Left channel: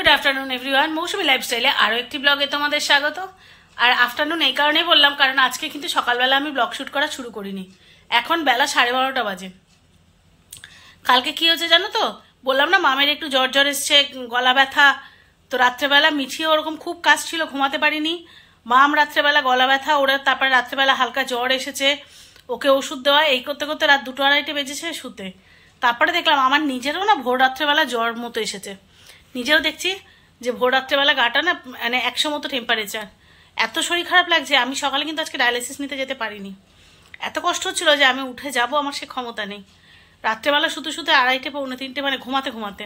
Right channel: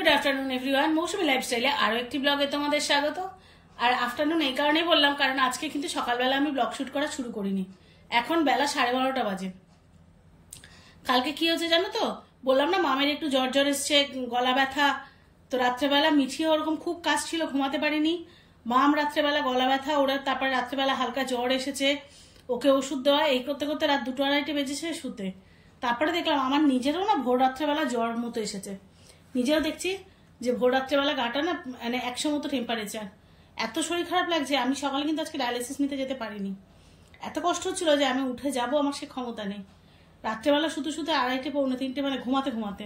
Good afternoon everyone, মৌসুমী লাইফস্টাইলে আরও একটি ব্লগে তোমাদের স্বাগত। আর আফটারনুন এই কারণেই বললাম কারণ আজকে কিন্তু সকালবেলা আমি ব্লগ শ্যুট করা শুরু করিনি। এখন বেলা 12:30 বাজে। কালকে কি হয়েছে জানো তো, বললাম না মামের একটু জ্বর জ্বর এসছে, গলা ব্যথা। তো রাত্রেবেলা মিঠিও ওরকম খুব কাজ ছিল, ঘুমাতে পারিনি। মাম রাত্রেবেলা গলা ব্যথা, ওরা তারপরে রাত্রেবেলা হালকা জ্বর এসেছে, ওকে ওষুধ দেওয়া, এই করতে করতে রাত 2-2:30 বেজেছে শুতে। তারপরে দেখলাম আমার নিজেরও না ভোর রাত্রেবেলা জ্বর মতো এসেছে। নিজেও দেখছি যে ভোর রাত্রেবেলা গাটা না মানে 100 মতো টেম্পারেচার, এত শরীর খারাপ লাগছে। আমি সকালে কিন্তু আজকে ডায়ালিসিস নিতে যেতে পারিনি, এত কষ্ট হচ্ছিল যে আমি উঠে যাব, আমার সে ক্ষমতা নেই। রাত্রেবেলা শুতে শুতে 2:30-3:30 মানে ঘুমাতে ঘুমাতে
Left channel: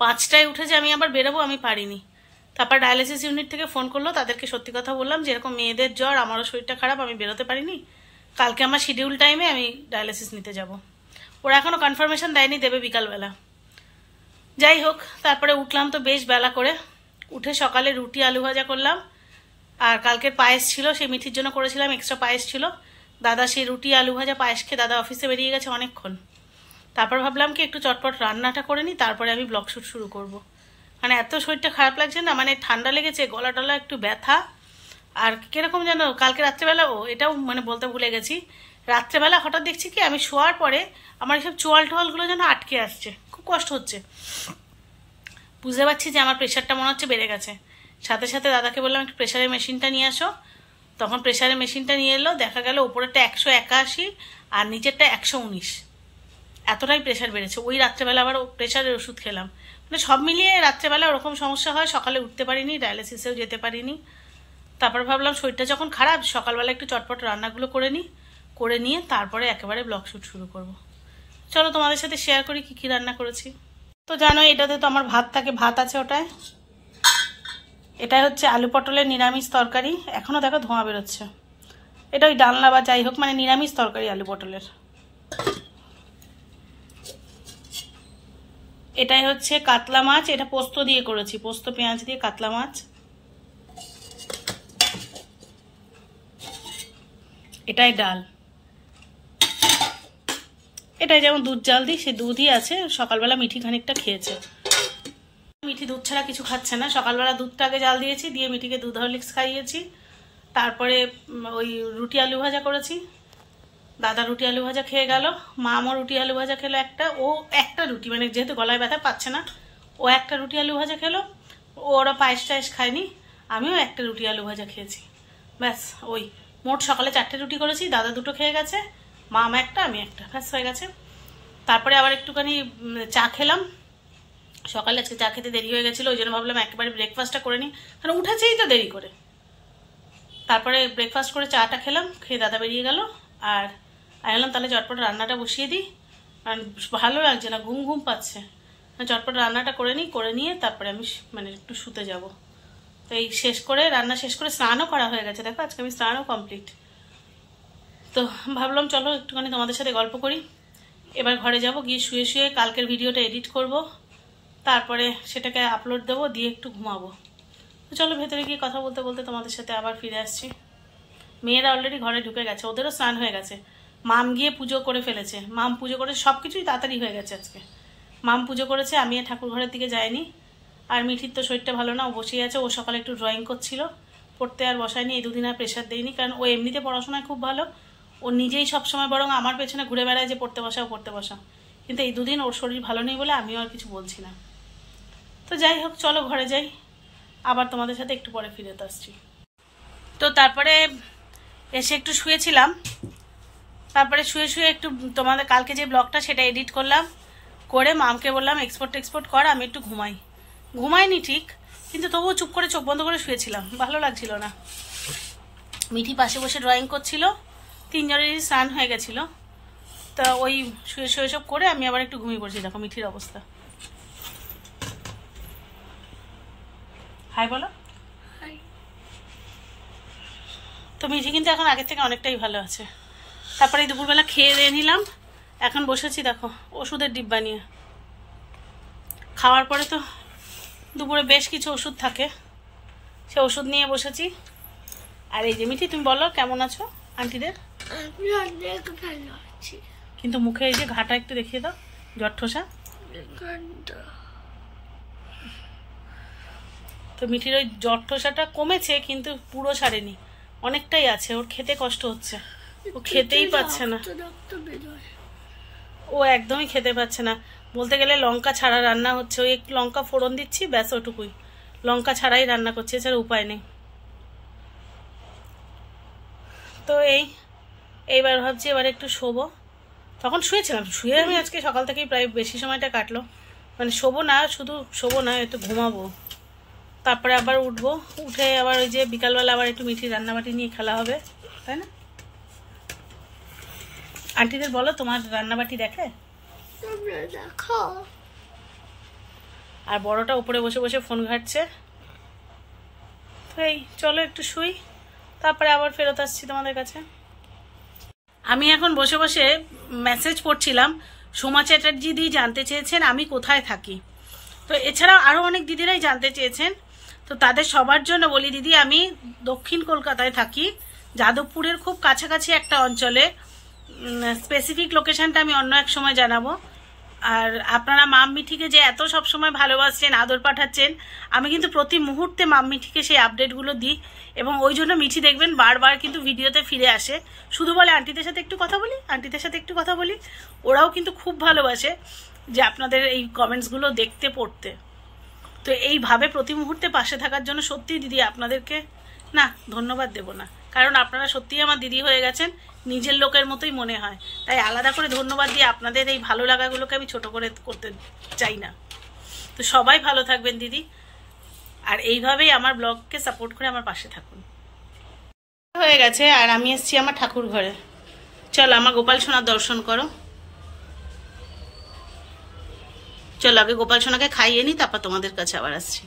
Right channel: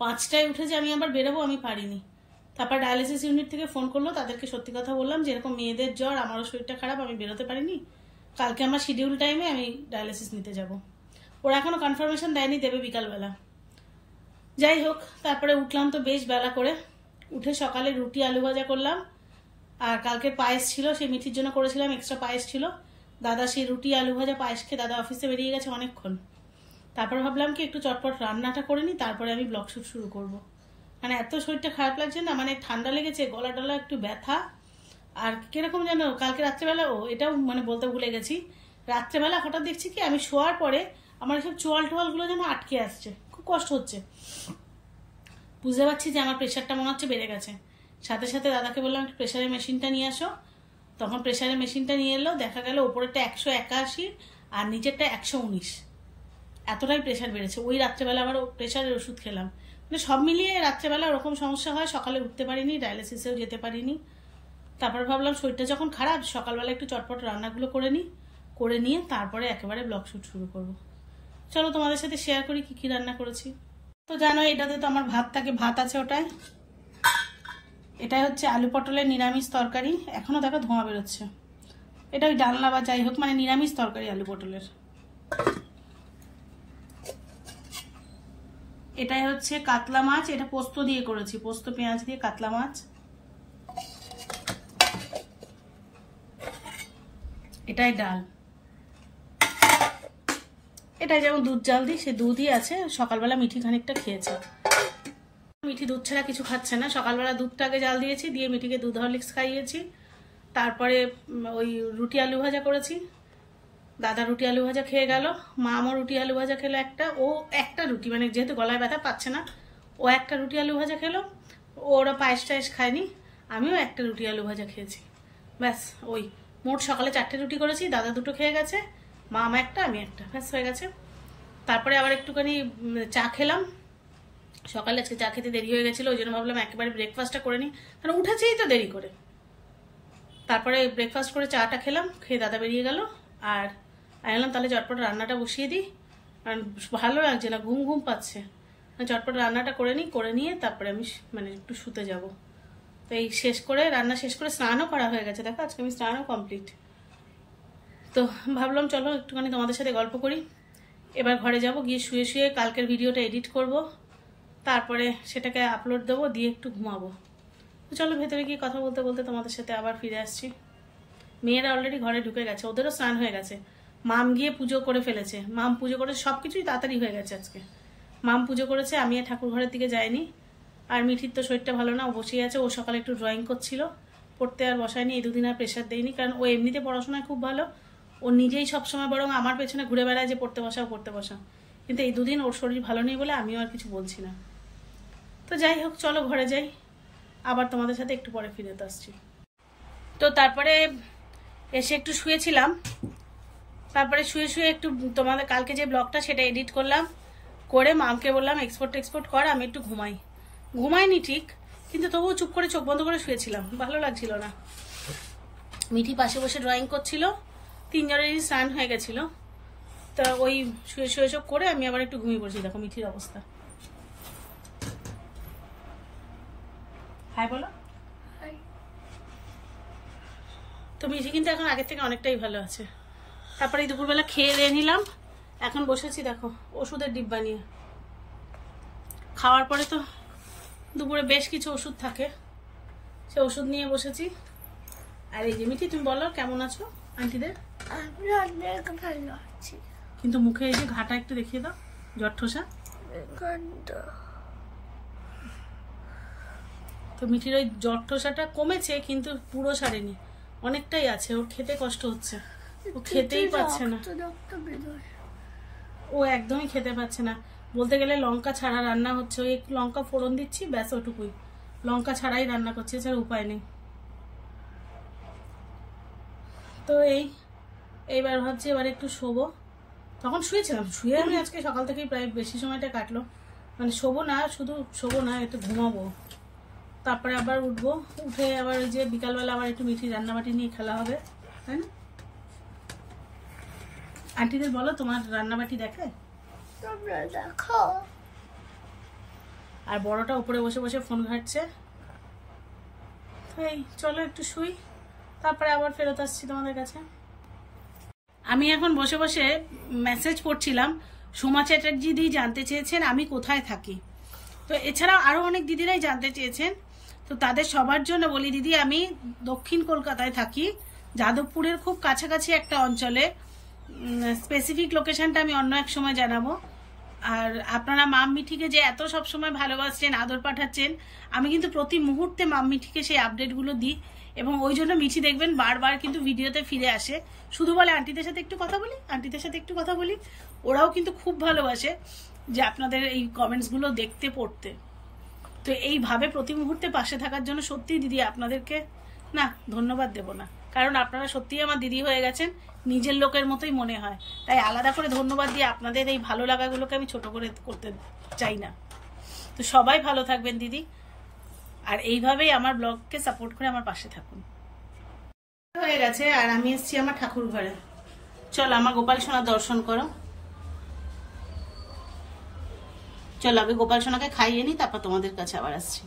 5টায় উঠে যে আমি আবার বেরোবো আমি পারিনি। তারপর ডায়ালিসিস ইউনিট থেকে ফোন করলো, তাদেরকে সত্যি কথা বললাম যে এরকম মেয়েদের জ্বর, আমারও শরীরটা খারাপ, আমি বেরোতে পারিনি, কালকে আমার শিডিউল টাইমে আমি ডায়ালিসিস নিতে যাব। ওরা এখনও কনফার্মেশন দেয়নি, দেবে বিকালবেলা। যাই হোক, তারপরে উঠলাম তো বেশ বেলা করে, উঠে সকালে রুটি আলু ভাজা করলাম। আর কালকের পায়েস ছিল, সেই মিঠির জন্য করেছিলাম, এক্সট্রা পায়েস ছিল। দাদা সেই রুটি আলু ভাজা পায়েস খেয়ে দাদা অফিসে বেরিয়ে গেছে অনেকক্ষণ। তারপর ভাবলাম কি একটু চটপট রান্নাটা করে নিই, তারপরে আমি ব্লগ শ্যুট শুরু করব। মানে এত শরীরটা খারাপ লাগছে না, মানে ঠান্ডা লেগেছে, গলা টলা একটু ব্যথা। আর কিরকম যেন কালকে রাত্রেবেলা, এটাও মানে বলতে ভুলে গেছি, রাত্রেবেলা হঠাৎ দেখছি কি আমি শোয়ার পরে আমার এইসব চোয়াল টোয়ালগুলো যেন আটকে আসছে, খুব কষ্ট হচ্ছে। বুঝতে পারছি যে আমার প্রেশারটা মনে হচ্ছে বেড়ে গেছে। সাথে সাথে দাদাকে বললাম একটু প্রেশারের মেশিনটা নিয়ে আসো। তখন প্রেশারের মেশিনটা নিয়ে এলো, দেখা গেল ওপরেরটা 181 আর নিচেরটা 119, এতটাই প্রেশার বেড়েছে। ওই রাত্রেবেলা আবার প্রেশারের ওষুধ খেলাম। মানে সব মিলিয়ে রাত্রেবেলা ওরকম সমস্যা হয়, সকালে উঠতে পারিনি, ডায়ালিসিসেও যেতে পারিনি। তারপর ভাবলাম শরীরটা যখন খারাপ, সকালবেলা একটু চটপট রান্নাগুলো করে নিই, করে নিয়ে তারপরে একেবারে ব্লগ শ্যুট শুরু করব। চলো তোমাদের সাথে শেয়ার করি কি কি রান্না করেছি। তো জানো এটাতে তো আমার ভাত থাকে, ভাত আছে ওটায়। এটাই হচ্ছে আলু পটলের নিরামিষ তরকারি, এখনও দেখো ধোঁয়া বেরোচ্ছে। এটা ওই ডালনা বা যাই হোক, মানে নিরামিষ তরকারি আলু পটলের। এটাই হচ্ছে কাতলা মাছ, এটা পোস্ত দিয়ে করেছি, পোস্ত পেঁয়াজ দিয়ে কাতলা মাছ। এটাই ডাল। এটাই যেমন দুধ জাল দিই, সে দুধই আছে, সকালবেলা মিঠি খানিকটা খেয়েছে। মিঠি দুধ ছাড়া কিছু খাচ্ছে না, সকালবেলা দুধটা আগে জাল দিয়েছি, দিয়ে মিঠিকে দুধ হরলিক্স খাইয়েছি। তারপরে ওই রুটি আলু ভাজা করেছি, দাদা রুটি আলু ভাজা খেয়ে গেল, মামও রুটি আলু ভাজা খেলো একটা, ও একটা রুটি, মানে যেহেতু গলায় ব্যথা পাচ্ছে না, ও একটা রুটি আলু ভাজা খেলো। ওরা পায়েস টায়েস খায়নি, আমিও একটা রুটি আলু ভাজা খেয়েছি, ব্যাস। ওই মোট সকালে 4টে রুটি করেছি, দাদা 2টো খেয়ে গেছে, মামা একটা, আমি একটা, ব্যাস হয়ে গেছে। তারপরে আবার একটুখানি চা খেলাম, সকালে আজকে চা খেতে দেরি হয়ে গেছিলো, ওই জন্য ভাবলাম একেবারে ব্রেকফাস্টটা করে নিই, কারণ উঠেছেই তো দেরি করে। তারপরে ব্রেকফাস্ট করে চাটা খেলাম, খেয়ে দাদা বেরিয়ে গেল। আর আমি বললাম তাহলে চটপট রান্নাটা বসিয়ে দিই, কারণ ভালো লাগছে না, ঘুম ঘুম পাচ্ছে। চটপট রান্নাটা করে নিই, করে নিয়ে তারপরে আমি মানে একটু শুতে যাব। তো এই শেষ করে, রান্না শেষ করে স্নানও করা হয়ে গেছে, দেখো আজকে আমি স্নানও কমপ্লিট। তো ভাবলাম চলো একটুখানি তোমাদের সাথে গল্প করি। এবার ঘরে যাব, গিয়ে শুয়ে শুয়ে কালকের ভিডিওটা এডিট করব, তারপরে সেটাকে আপলোড দেবো, দিয়ে একটু ঘুমাবো। তো চলো ভেতরে গিয়ে কথা বলতে বলতে তোমাদের সাথে আবার ফিরে আসছি। মেয়েরা অলরেডি ঘরে ঢুকে গেছে, ওদেরও স্নান হয়ে গেছে। মাম গিয়ে পুজো করে ফেলেছে, মাম পুজো করে সব কিছুই তাড়াতাড়ি হয়ে গেছে আজকে। মাম পুজো করেছে, আমি আর ঠাকুর ঘরের দিকে যাইনি। আর মিঠির তো শরীরটা ভালো না, ও বসেই আছে। ও সকালে একটু ড্রয়িং করছিল, পড়তে আর বসায়নি, এই 2 দিন আর প্রেশার দেয়নি, কারণ ও এমনিতে পড়াশোনায় খুব ভালো। ও নিজেই সবসময় বরং আমার পেছনে ঘুরে বেড়ায় যে পড়তে বসাও পড়তে বসাও, কিন্তু এই 2 দিন ওর শরীর ভালো নেই বলে আমিও আর কিছু বলছি না। তো যাই হোক, চলো ঘরে যাই, আবার তোমাদের সাথে একটু পরে ফিরে আসছি। তো তারপরে এসে একটু শুয়েছিলাম, তারপরে শুয়ে শুয়ে একটু তোমাদের কালকে যে ব্লগটা সেটা এডিট করলাম, করে মামকে বললাম এক্সপোর্ট কর, আমি একটু ঘুমাইনি ঠিক, কিন্তু তবুও চুপ করে চোখ বন্ধ করে শুয়েছিলাম, ভালো লাগছিল না। মিঠি পাশে বসে ড্রয়িং করছিল, 3 জনেরই স্নান হয়ে গেছিল। তা ওই শুয়ে শুয়ে সব করে আমি আবার একটু ঘুমিয়ে পড়ছি। দেখো মিঠির অবস্থা। হাই বলো। তো মিঠি কিন্তু এখন আগের থেকে অনেকটাই ভালো আছে। তারপরে এই দুপুরবেলা খেয়ে দিয়ে নিলাম, এখন বসেছি দেখো ওষুধের ডিব্বা নিয়ে। খাওয়ার পরে তো দুপুরে বেশ কিছু ওষুধ থাকে, সে ওষুধ নিয়ে বসেছি। আর এই যে মিঠি, তুমি বলো কেমন আছো আন্টিদের? কিন্তু মুখে এই যে ঘাটা একটু দেখিয়ে দাও, জ্বর ঠোসা। তো মিঠির ওই জ্বর ঠোসাটা কমেছে কিন্তু পুরো সারেনি, অনেকটাই আছে। ওর খেতে কষ্ট হচ্ছে, ও খেতেই পাচ্ছে না, ও একদমই খেতে পাচ্ছে না। বলতে গেলে লঙ্কা ছাড়া রান্না হচ্ছে, ওই একটু লঙ্কা ফোড়ন দিচ্ছি ব্যাস, ওটুকুই, লঙ্কা ছাড়াই রান্না করছি, এছাড়া উপায় নেই। তো এইবার ভাবছি এবার একটু শোবো। তখন শুয়েছিলাম, শুয়ে আমি আজকে সকাল থেকেই প্রায় বেশি সময়টা কাটলো, মানে শোবো না, শুধু শোবো না, একটু ঘুমাবো, তারপরে আবার উঠবো, উঠে আবার ওই যে বিকালবেলা আবার একটু মিঠি রান্নাবাটি নিয়ে খেলা হবে, তাই না? আন্টিদের বলো তোমার রান্নাবাটি দেখে, দেখো। আর বড়টা উপরে বসে বসে ফোন ঘাটছে। তো চলো একটু শুই, তারপরে আবার ফেরত আসছি তোমাদের কাছে। আমি এখন বসে বসে মেসেজ পড়ছিলাম। সোমা চ্যাটার্জি দি জানতে চেয়েছেন আমি কোথায় থাকি, তো এছাড়াও আরও অনেক দিদিরাই জানতে চেয়েছেন। তো তাদের সবার জন্য বলি, দিদি আমি দক্ষিণ কলকাতায় থাকি, যাদবপুরের খুব কাছাকাছি একটা অঞ্চলে, স্পেসিফিক লোকেশনটা আমি অন্য এক সময় জানাবো। আর আপনারা মাম মিঠিকে যে এত সবসময় ভালোবাসছেন, আদর পাঠাচ্ছেন, আমি কিন্তু প্রতি মুহূর্তে মাম মিঠিকে সেই আপডেটগুলো দিই, এবং ওই জন্য মিঠি দেখবেন বারবার কিন্তু ভিডিওতে ফিরে আসে, শুধু বলে আন্টিদের সাথে একটু কথা বলি, আন্টিদের সাথে একটু কথা বলি। ওরাও কিন্তু খুব ভালোবাসে যে আপনাদের এই কমেন্টসগুলো দেখতে পড়তে। তো এইভাবে প্রতি মুহূর্তে পাশে থাকার জন্য সত্যিই দিদি আপনাদেরকে না ধন্যবাদ দেব না, কারণ আপনারা সত্যিই আমার দিদি হয়ে গেছেন, নিজের লোকের মতোই মনে হয়, তাই আলাদা করে ধন্যবাদ দিয়ে আপনাদের এই ভালো লাগাগুলোকে আমি ছোট করে করতে চাই না। তো সবাই ভালো থাকবেন দিদি, আর এইভাবেই আমার ব্লগকে সাপোর্ট করে আমার পাশে থাকুন। হয়ে গেছে, আর আমি এসেছি আমার ঠাকুর ঘরে। চলো আমার গোপাল সোনার দর্শন করো, চলো আগে গোপাল সোনাকে খাইয়ে নি, তারপর তোমাদের কাছে আবার আসছি।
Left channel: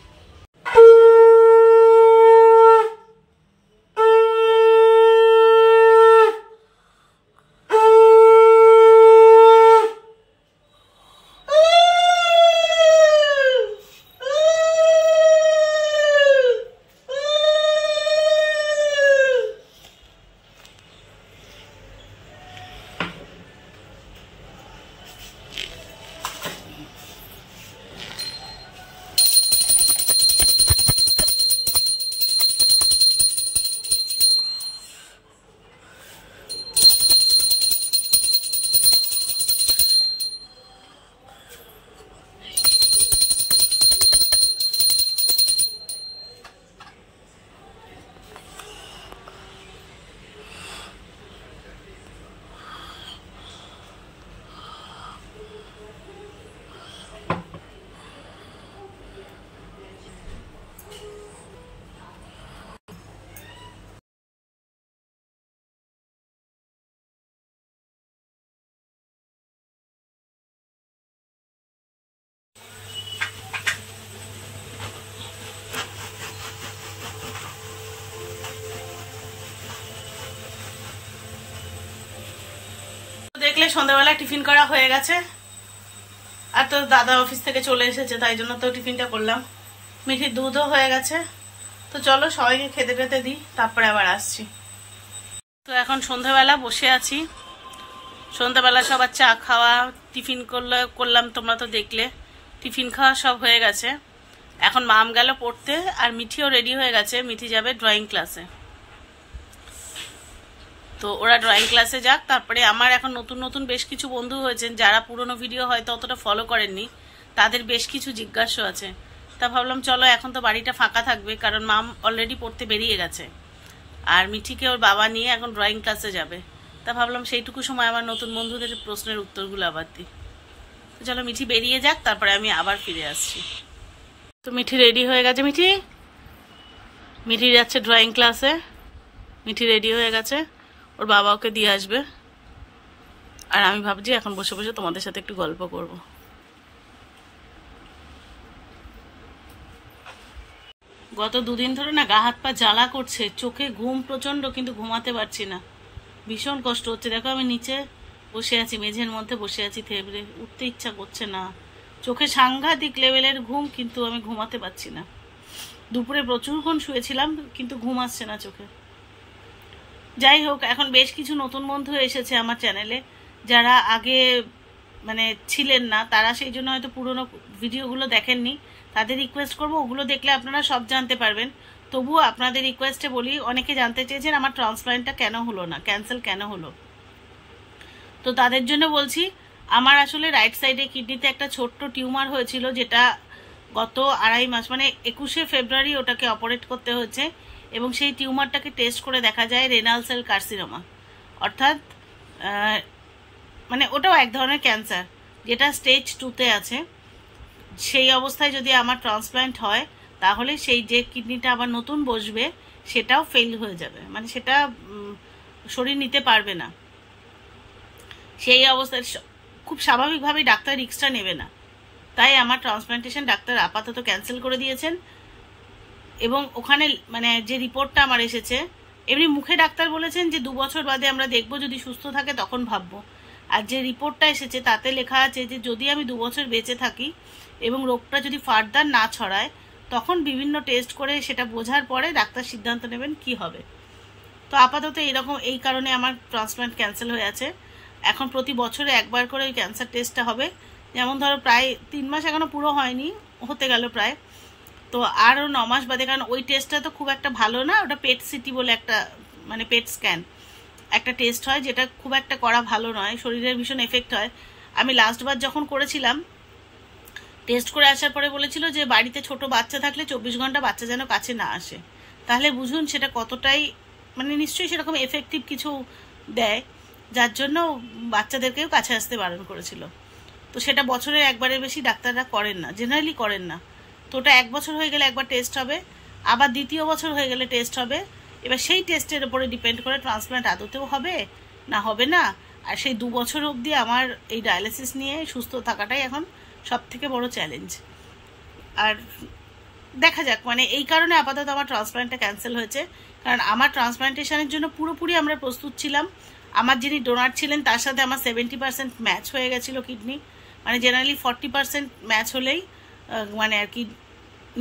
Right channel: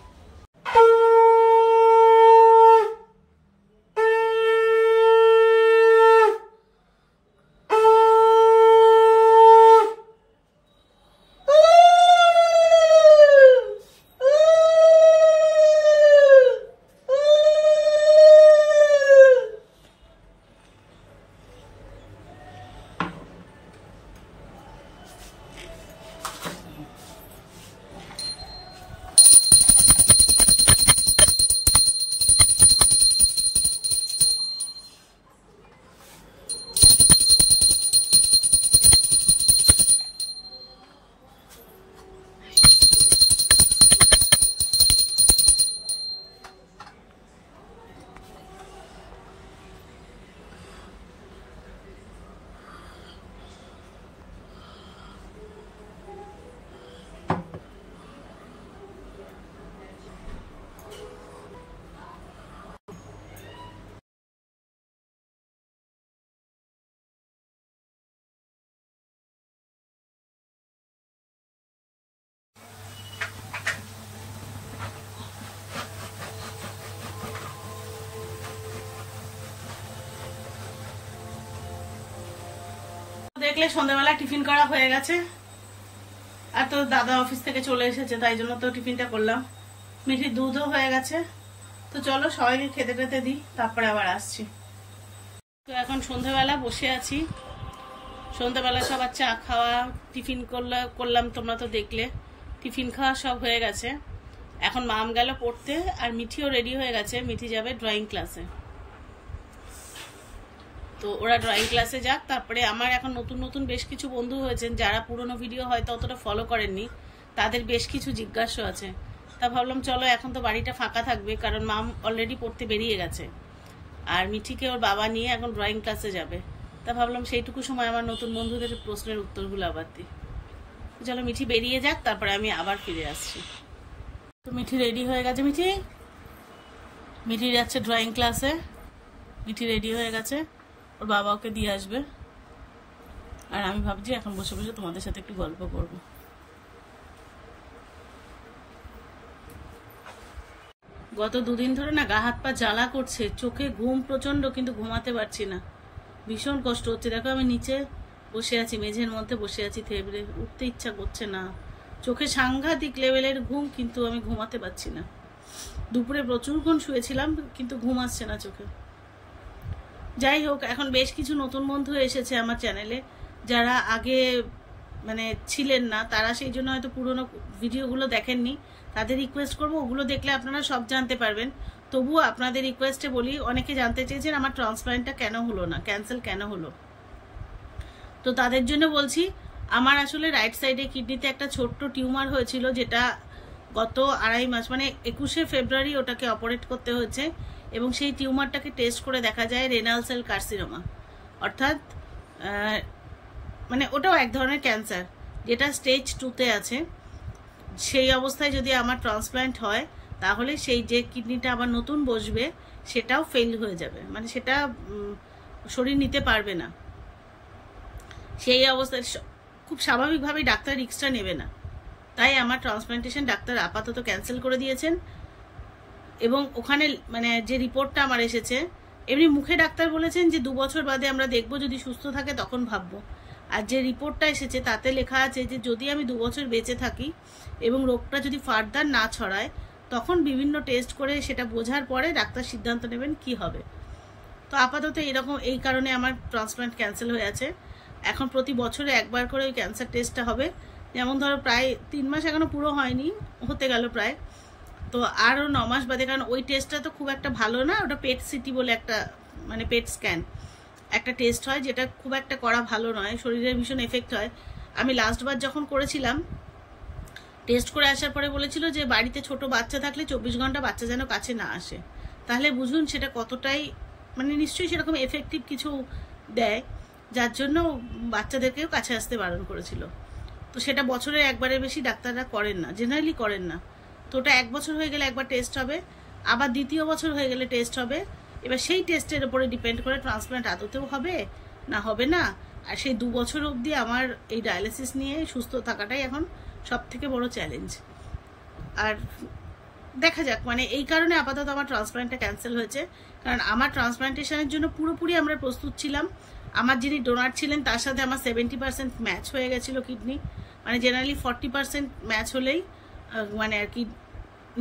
দেখলে সন্ধ্যাবেলা টিফিন করা হয়ে গেছে, আর তো দাদা অফিস থেকে চলে এসেছে, তাই জন্য তো টিফিনটা করলাম। মিঠির দুধও হয়ে গেছে। তো চলো সবাইকে খেতে পেতে দিই, তারপরে আবার আসছি। তো এখন সন্ধ্যাবেলা বসে আছি, সন্ধ্যাবেলা সবার চা খাওয়া, টিফিন করলাম, তোমরা তো দেখলে টিফিন খাওয়া সব হয়ে গেছে। এখন মাম গেল পড়তে, আর মিঠিও রেডি হয়ে গেছে, মিঠি যাবে ড্রয়িং ক্লাসে। তো ওরা ড্রয়িং ক্লাসে যাক, তারপরে আমার এখন নতুন নতুন বেশ কিছু বন্ধু হয়েছেন যারা পুরনো ভিডিও হয়তো অতটা ফলো করেননি, তাদের বেশ কিছু জিজ্ঞাসা আছে। তা ভাবলাম চলো এখন তো বাড়িটা ফাঁকা থাকবে, কারণ মাম অলরেডি পড়তে বেরিয়ে গেছে, আর মিঠিকে ওর বাবা নিয়ে এখন ড্রয়িং ক্লাসে যাবে। তা ভাবলাম সেইটুকু সময় আমার নতুন বন্ধুদের প্রশ্নের উত্তরগুলো আবার দিই। তো চলো মিঠি বেরিয়ে যাক, তারপরে আমি আবার ফিরে আসছি। তো মিঠি রেডি হয়ে গেছে, মিঠি যাচ্ছে ড্রয়িং ক্লাসে, মিঠি রেডি হয়ে গেছে, ওর বাবা ওকে দিয়ে আসবে, আর আমি ভাবছি এখন বসে বসে তোমাদের সাথে একটু গল্প করব। গত দুদিন ধরে না গা হাত পা জ্বালা করছে, চোখে ঘুম প্রচন্ড, কিন্তু ঘুমাতে পারছি না, ভীষণ কষ্ট হচ্ছে। দেখো আমি নিচে বসে আছি, মেঝের মধ্যে বসে আছি, থেবড়ে উঠতে ইচ্ছা করছে না, চোখে সাংঘাতিক লেভেলের ঘুম, কিন্তু আমি ঘুমাতে পারছি না। দুপুরে প্রচুরক্ষণ শুয়েছিলাম, কিন্তু ঘুম আসছে না চোখে। যাই হোক, এখন বেশ কিছু নতুন বন্ধু এসেছে আমার চ্যানেলে, যারা আগে মানে ছিলেন না, তারা সেই জন্য হয়তো পুরোনো ভিডিওগুলো দেখেননি, তাদের রিকোয়েস্ট করব, ওগুলো দেখলে আপনারা সব জানতে পারবেন। তবুও আপনাদের রিকোয়েস্টে বলি, অনেকে জানতে চেয়েছেন আমার ট্রান্সপ্লান্টটা কেন হলো না, ক্যান্সেল কেন হলো। তো তাদের জন্য বলছি, আমার আসলে রাইট সাইডে কিডনিতে একটা ছোট্ট টিউমার হয়েছিল, যেটা গত 2.5 মাস মানে 21শে ফেব্রুয়ারি ওটাকে অপারেট করতে হয়েছে, এবং সেই টিউমারটাকে টেস্ট করে দেখা যায় রেনাল সেল কার্সিনোমা, অর্থাৎ মানে ওটাও এক ধরনের ক্যান্সার, যেটা স্টেজ 2তে আছে। সেই অবস্থায় যদি আমার ট্রান্সপ্লান্ট হয়, তাহলে সেই যে কিডনিটা আবার নতুন বসবে সেটাও ফেল হয়ে যাবে, মানে সেটা শরীর নিতে পারবে না। সেই অবস্থায় খুব স্বাভাবিকভাবেই ডাক্তার রিস্কটা নেবে না, তাই আমার ট্রান্সপ্লান্টেশন ডাক্তার আপাতত ক্যান্সেল করে দিয়েছেন। এবং ওখানে মানে যে রিপোর্টটা আমার এসেছে, এমনি মুখে ডাক্তার বলেছেন যে 2 বছর বাদে আমরা দেখবো, যদি সুস্থ থাকে তখন ভাববো। আর যে রিপোর্টটা এসেছে তাতে লেখা আছে যে যদি আমি 2 বছর বেঁচে থাকি এবং রোগটা যদি ফার্দার না ছড়ায়, তখন বিভিন্ন টেস্ট করে সেটা বোঝার পরে ডাক্তার সিদ্ধান্ত নেবেন কি হবে। তো আপাতত এরকম, এই কারণে আমার ট্রান্সপ্লান্ট ক্যান্সেল হয়ে আছে। এখন প্রতি বছরে একবার করে ওই ক্যান্সার টেস্টটা হবে। যেমন ধরো প্রায় 3 মাস এখনো পুরো হয়নি, হতে গেল প্রায়, তো আরও 9 মাস বাদে, কারণ ওই টেস্টটা তো খুব একটা ভালো না, ওটা পেট সিটি বলে একটা মানে পেট স্ক্যান একটা টেস্ট হয়, যেটা খুব একটা করা ভালো নয়, শরীরের ভীষণ এফেক্ট হয়। আমি লাস্টবার যখন করেছিলাম, টেস্ট করে আসার পরে বলেছিল যে বাড়িতে ছোট বাচ্চা থাকলে 24 ঘন্টা বাচ্চা যেন কাছে না আসে। তাহলে বুঝুন সেটা কতটাই মানে নিশ্চয়ই সেরকম এফেক্টিভ কিছু দেয়, যার জন্য বাচ্চাদেরকেও কাছে আসতে বারণ করেছিল। তো সেটা বছরে একবারের বেশি ডাক্তাররা করেন না, জেনারেলি করেন না। তো ওটা 1 বছর হয়ে গেলে একবার টেস্ট হবে, আবার দ্বিতীয় বছর হয়ে গেলে টেস্ট হবে। এবার সেই টেস্টের উপরে ডিপেন্ড করে ট্রান্সপ্লান্ট আদতেও হবে না হবে না। আর সেই 2 বছর অবধি আমার এই ডায়ালিসিস নিয়ে সুস্থ থাকাটাই এখন সব থেকে বড় চ্যালেঞ্জ। আর দেখা যাক, মানে এই কারণে আপাতত আমার ট্রান্সপ্লান্টটা ক্যান্সেল হয়েছে, কারণ আমার ট্রান্সপ্লান্টেশনের জন্য পুরোপুরি আমরা প্রস্তুত ছিলাম। আমার যিনি ডোনার ছিলেন তার সাথে আমার 70% ম্যাচ হয়ে গেছিলো কিডনি, মানে জেনারেলি 40% ম্যাচ হলেই মানে আর কি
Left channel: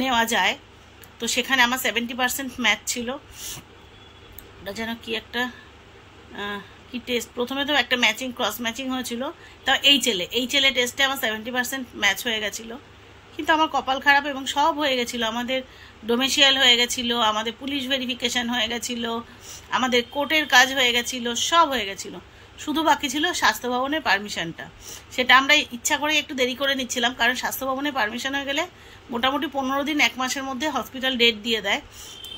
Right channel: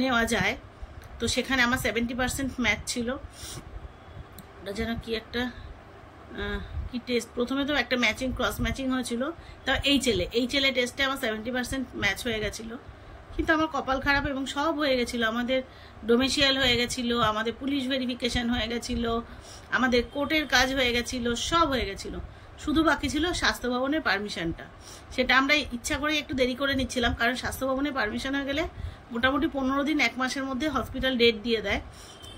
নেওয়া যায়, তো সেখানে আমার 70% ম্যাচ ছিল। ওটা যেন কি একটা কি টেস্ট, প্রথমে তো একটা ম্যাচিং ক্রস ম্যাচিং হয়েছিল, তাও এই ছেলে টেস্টে আমার 70% ম্যাচ হয়ে গেছিলো। কিন্তু আমার কপাল খারাপ, এবং সব হয়ে গেছিলো, আমাদের ডোমেশিয়াল হয়ে গেছিলো, আমাদের পুলিশ ভেরিফিকেশন হয়ে গেছিলো, আমাদের কোর্টের কাজ হয়ে গেছিলো, সব হয়ে গেছিলো, শুধু বাকি ছিল স্বাস্থ্য ভবনের পারমিশনটা। সেটা আমরা ইচ্ছা করে একটু দেরি করে নিচ্ছিলাম, কারণ স্বাস্থ্য ভবনের পারমিশন হয়ে গেলে মোটামুটি 15 দিন 1 মাসের মধ্যে হসপিটাল ডেট দিয়ে দেয়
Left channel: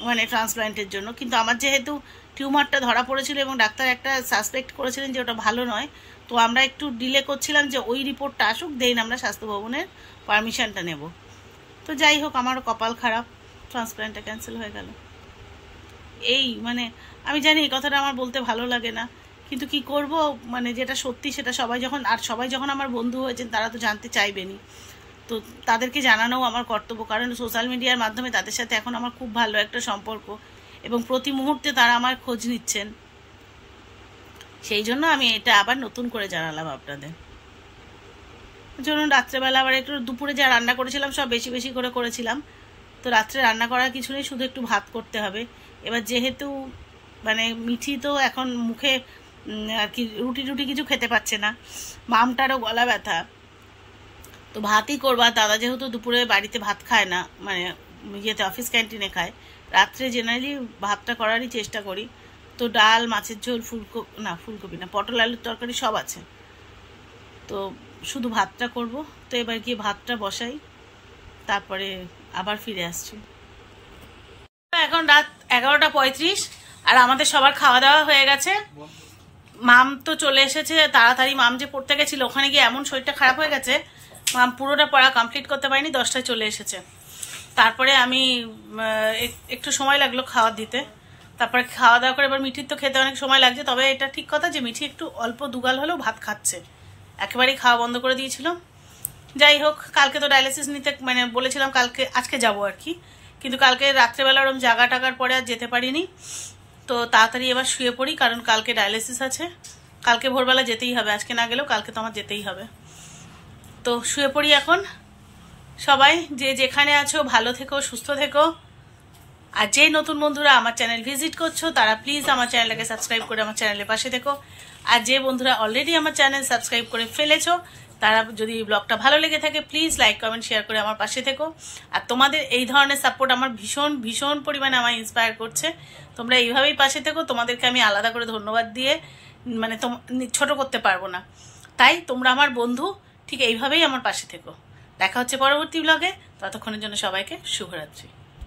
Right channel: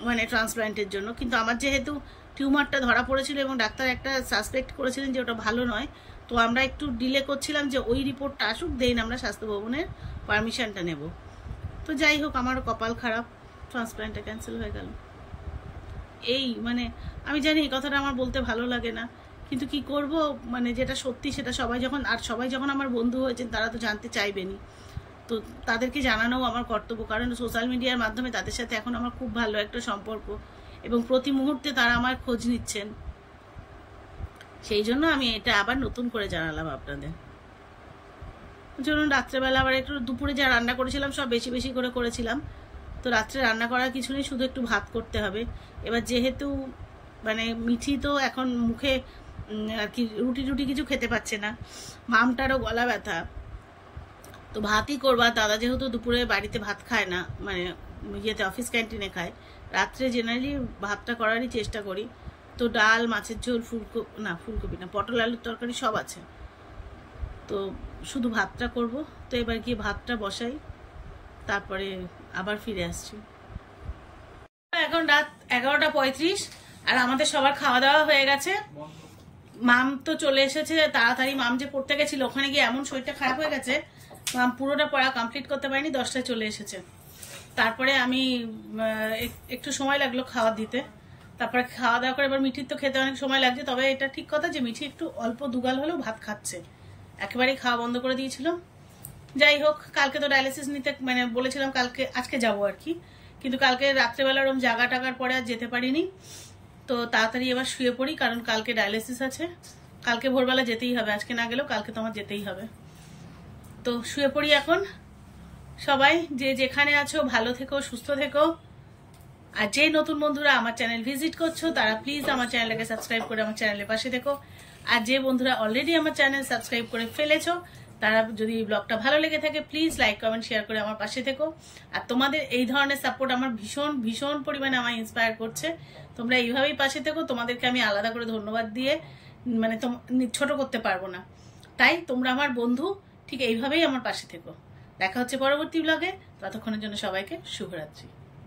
মানে ট্রান্সপ্লান্টের জন্য। কিন্তু আমার যেহেতু টিউমারটা ধরা পড়েছিল এবং ডাক্তার একটা সাসপেক্ট করেছিলেন যে ওটা ভালো নয়, তো আমরা একটু ডিলে করছিলাম যে ওই রিপোর্টটা আসুক, দেন আমরা স্বাস্থ্য ভবনের পারমিশনটা নেব। তো যাই হোক, আমারও কপাল খারাপ, ট্রান্সপ্লান্টটা ক্যান্সেল হয়ে গেল। এই মানে আমি জানি এই কথাটা আমার বলতে ভালো লাগে না, কিন্তু কি করব, মানে যেটা সত্যি সেটা সবাই যখন আমার বন্ধু হয়েছেন তারা তো জানতে চাইবেনই, তো তাদেরকে জানানোও আমার কর্তব্য, কারণ সোশ্যাল মিডিয়ার মাধ্যমে তাদের সাথে এখন আমার খুব ভালো একটা সম্পর্ক, এবং প্রতি মুহূর্তে তারা আমার খোঁজ নিচ্ছেন। সেই জন্য আমি এটা আবার নতুন করে জানালাম আপনাদের। ধরুন রাত্রেবেলা আবার একটু, দুপুরে যা রান্না করেছিলাম সব বেশি বেশি করে করেছিলাম, তো রাত্রে রান্না করার কিছু নেই, শুধু একটু ভাত করতে হবে। এবার যেহেতু মানে মিঠি তো এখন মুখে আর কি রুটি কিছু খেতে পাচ্ছে না, মামটারও গলা ব্যথা, তো ভাতই করবা। দাদা যেহেতু দুপুরে বাড়িতে ভাত খায় না, মানে ইয়েতে অফিস ক্যান্টিনে খায়, রাত্রে জেনারেলি ভাতটা করারই চেষ্টা করি। তো ডাল, মাছের ঝোল, ফুলকপি না পটল আলুর তরকারি সব আছে, তো শুধু ভাতটা করব। তো এবার গিয়ে ভাতটা বসাই, তারপরে আবার ফিরে আসছি। এখন রাত 11:35, আর আমাদের সবার খাওয়া দাওয়া হয়ে গেছে। মাম তো চলে এসেছে তাড়াতাড়ি, মাম যে পড়তে গেছিল ওখানে গিয়ে এমন শরীরটা খারাপ হয়ে গেছে, মাম পুরোটা পড়া কমপ্লিট করতে পারিনি, 10টায় চলে এসেছে। তারপরে আমি একটু সময় লাগলো খাওয়া দিতে, তারপরে খাওয়া দাওয়া করে এবার মিঠির তো খেতে অনেক সময় লাগছে। তবে এটা ঠিক কথা যে মিঠি একটু অল্প দুগাল হলেও ভাত খাচ্ছে, একেবারেই খাওয়া বন্ধ করে দিয়েছিল। যাই হোক, কালকে তো ডায়ালিসিস নিতে মানে বলেছিলাম আজকে যাব আর কি, কিন্তু কালকে রাত্রেবেলা ওরম জাগা টাকার পরে আর যেতে পারিনি। তো তাড়াতাড়ি এবার শুয়ে পড়ি, কারণ কালকে ডায়ালিসিস আছে, কালকে ভোরবেলা যেতেই হবে, আজকে না গেলেও কালকে তো আমার যেতেই হবে। তো শুয়ে পড়ি এখন। সবাই যে যেখানে আছো ভালো থেকো, সুস্থ থেকো। আর যে নতুন বন্ধুরা আমার চ্যানেল ভিজিট করছো তারা প্লিজ আমার চ্যানেলটাকে সাবস্ক্রাইব করে আমার চ্যানেলের পাশে থেকো। আর যে বন্ধুরা অলরেডি আমার চ্যানেল সাবস্ক্রাইব করে ফেলেছো তারা যদি ব্লগটা ভালো লেগে থাকে প্লিজ লাইক কমেন্ট শেয়ার করে আমার পাশে থেকো। আর তোমাদের এই ধরনের সাপোর্ট আমার ভীষণ ভীষণ পরিমাণে আমায় ইন্সপায়ার করছে। তোমরা এইভাবেই পাশে থেকো, তোমাদেরকে আমি আলাদা করে ধন্যবাদ দিয়ে মানে ছোট করতে পারবো না। তাই তোমরা আমার বন্ধু, ঠিক এইভাবেই আমার পাশে থেকো। দেখা হচ্ছে পরবর্তী ব্লগে, ততক্ষণের জন্য সবাইকে শুভরাত্রি।